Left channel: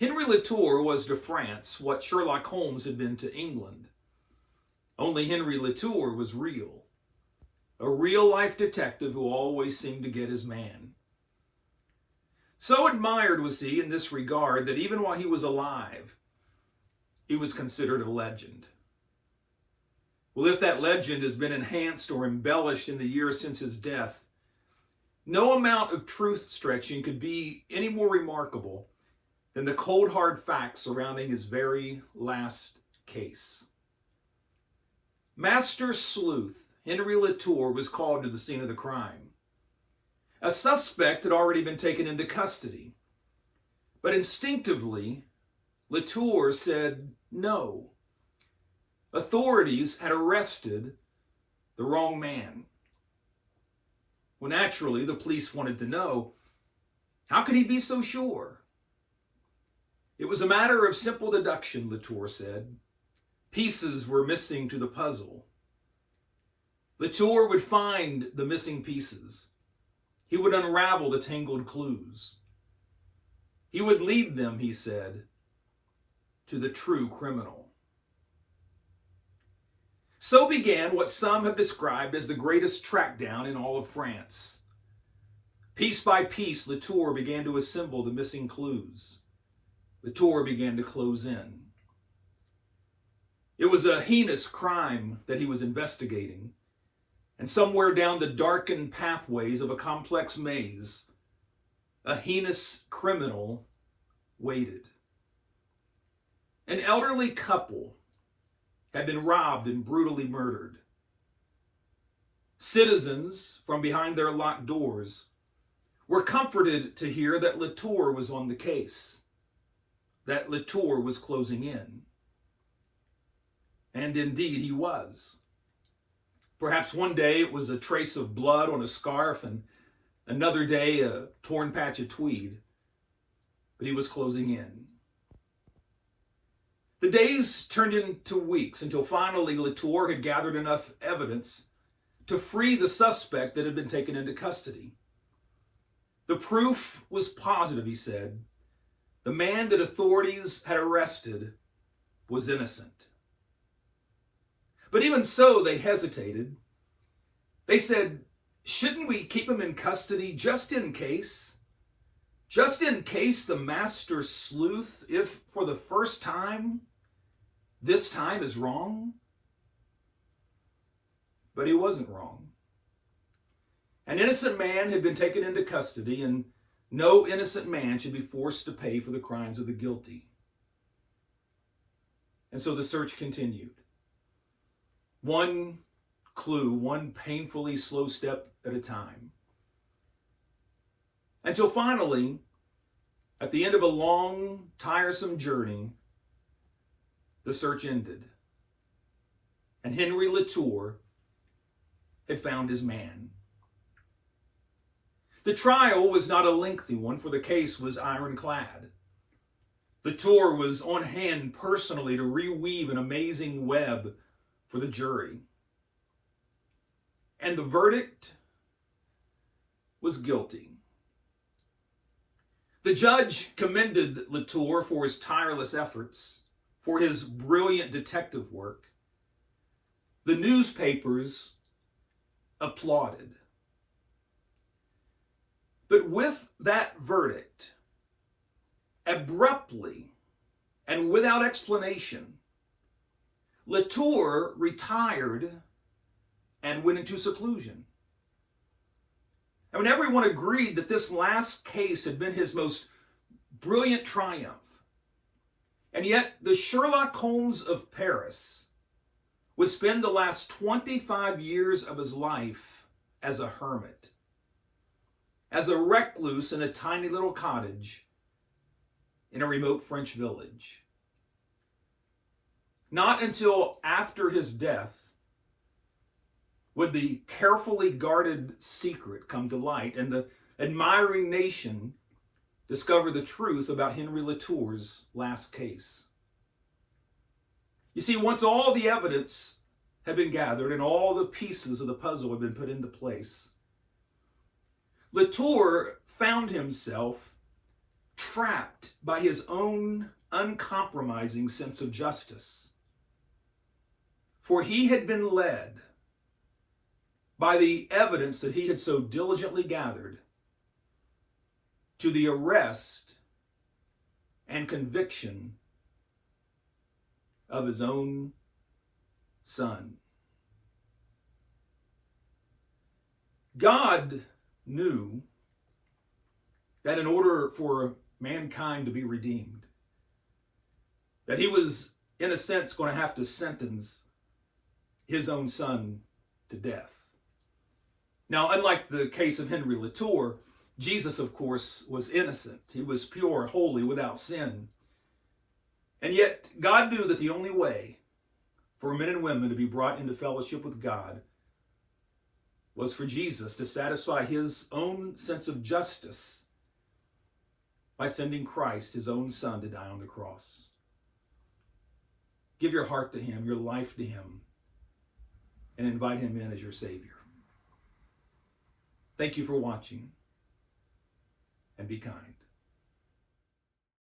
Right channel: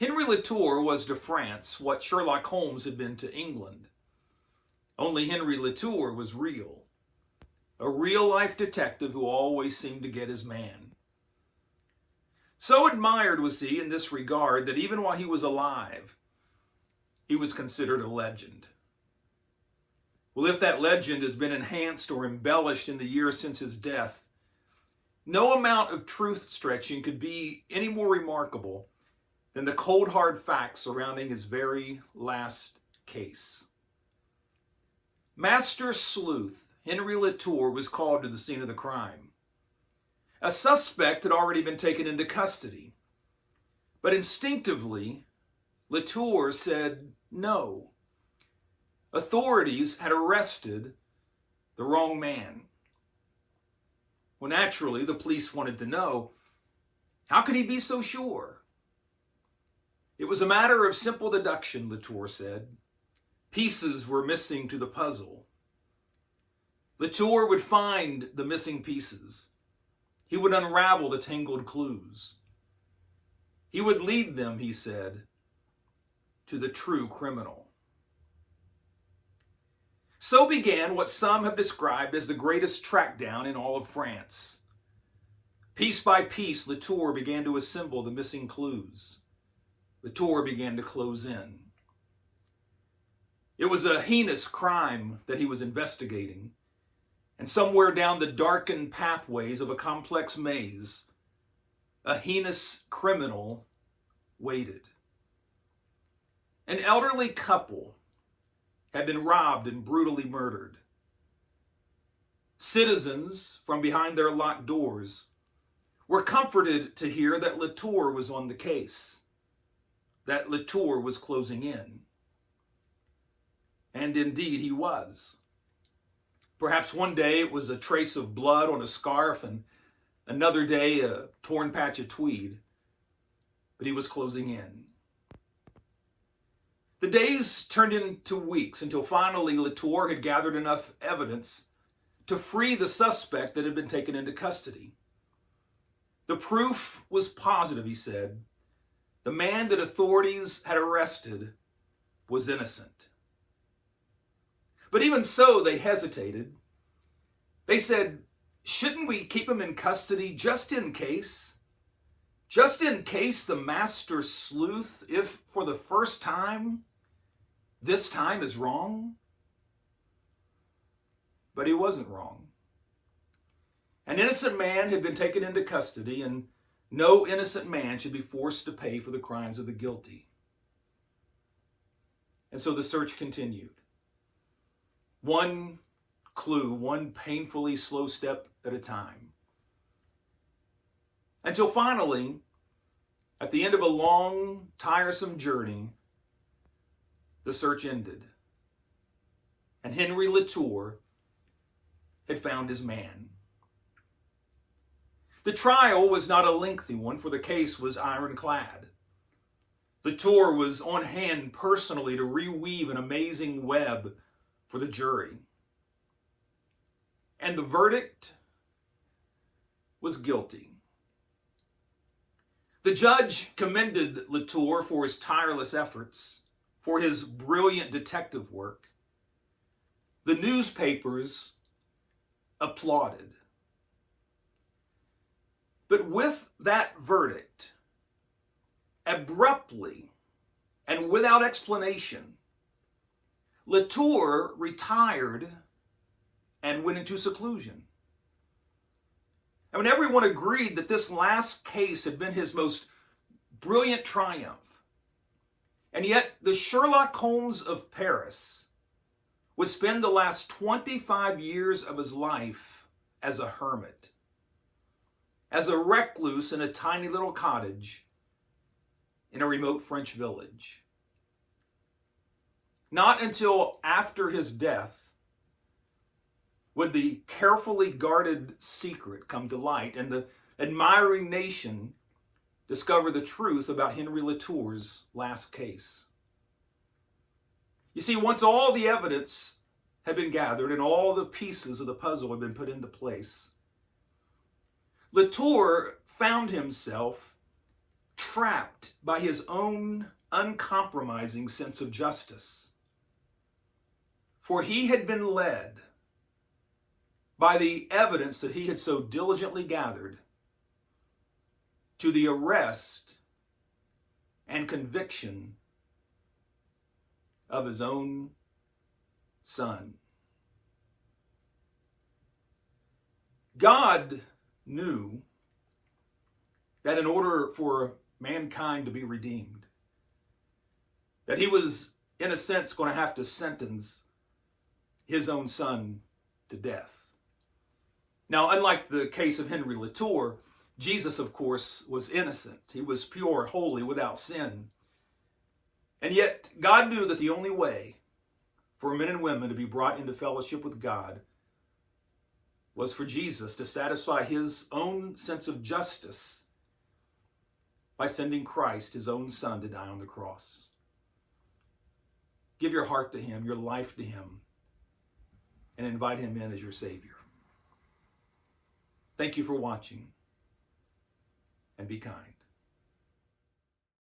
Henri Latour was to France what Sherlock Holmes had been to England. Only Henri Latour was real. A real-life detective who always seemed to get his man. So admired was he in this regard that even while he was alive, he was considered a legend. Well, if that legend has been enhanced or embellished in the years since his death, no amount of truth stretching could be any more remarkable than the cold hard facts surrounding his very last case. Master Sleuth Henri Latour was called to the scene of the crime. A suspect had already been taken into custody, but instinctively, Latour said no. Authorities had arrested the wrong man. Well, naturally, the police wanted to know, how could he be so sure? It was a matter of simple deduction, Latour said. Pieces were missing to the puzzle. Latour would find the missing pieces. He would unravel the tangled clues. He would lead them, he said, to the true criminal. So began what some have described as the greatest trackdown in all of France. Piece by piece, Latour began to assemble the missing clues. Latour began to close in. It was a heinous crime that he was investigating, and somewhere down the darkened pathways of a complex maze, a heinous criminal waited. An elderly couple had been robbed and brutally murdered. Citizens from behind their locked doors were comforted to hear that Latour was on the case, that Latour was closing in. And indeed he was. Perhaps one day it was a trace of blood on a scarf, and another day a torn patch of tweed, but he was closing in. The days turned into weeks until finally Latour had gathered enough evidence to free the suspect that had been taken into custody. The proof was positive, he said. The man that authorities had arrested was innocent. But even so, they hesitated. They said, shouldn't we keep him in custody just in case? Just in case the master sleuth, if for the first time, this time is wrong? But he wasn't wrong. An innocent man had been taken into custody, and no innocent man should be forced to pay for the crimes of the guilty. And so the search continued. One clue, one painfully slow step at a time. Until finally, at the end of a long, tiresome journey, the search ended. And Henri Latour had found his man. The trial was not a lengthy one, for the case was ironclad. Latour was on hand personally to reweave an amazing web for the jury. And the verdict was guilty. The judge commended Latour for his tireless efforts, for his brilliant detective work. The newspapers applauded. But with that verdict, abruptly and without explanation, Latour retired and went into seclusion. I mean, everyone agreed that this last case had been his most brilliant triumph. And yet, the Sherlock Holmes of Paris would spend the last 25 years of his life as a hermit, as a recluse in a tiny little cottage in a remote French village. Not until after his death would the carefully guarded secret come to light and the admiring nation discover the truth about Henri Latour's last case. You see, once all the evidence had been gathered and all the pieces of the puzzle had been put into place, Latour found himself trapped by his own uncompromising sense of justice. For he had been led by the evidence that he had so diligently gathered to the arrest and conviction of his own son. God knew that in order for mankind to be redeemed, that he was, in a sense, going to have to sentence his own son to death. Now, unlike the case of Henri Latour, Jesus, of course, was innocent. He was pure, holy, without sin. And yet, God knew that the only way for men and women to be brought into fellowship with God was for Jesus to satisfy his own sense of justice by sending Christ, his own son, to die on the cross. Give your heart to him, your life to him, and invite him in as your Savior. Thank you for watching, and be kind.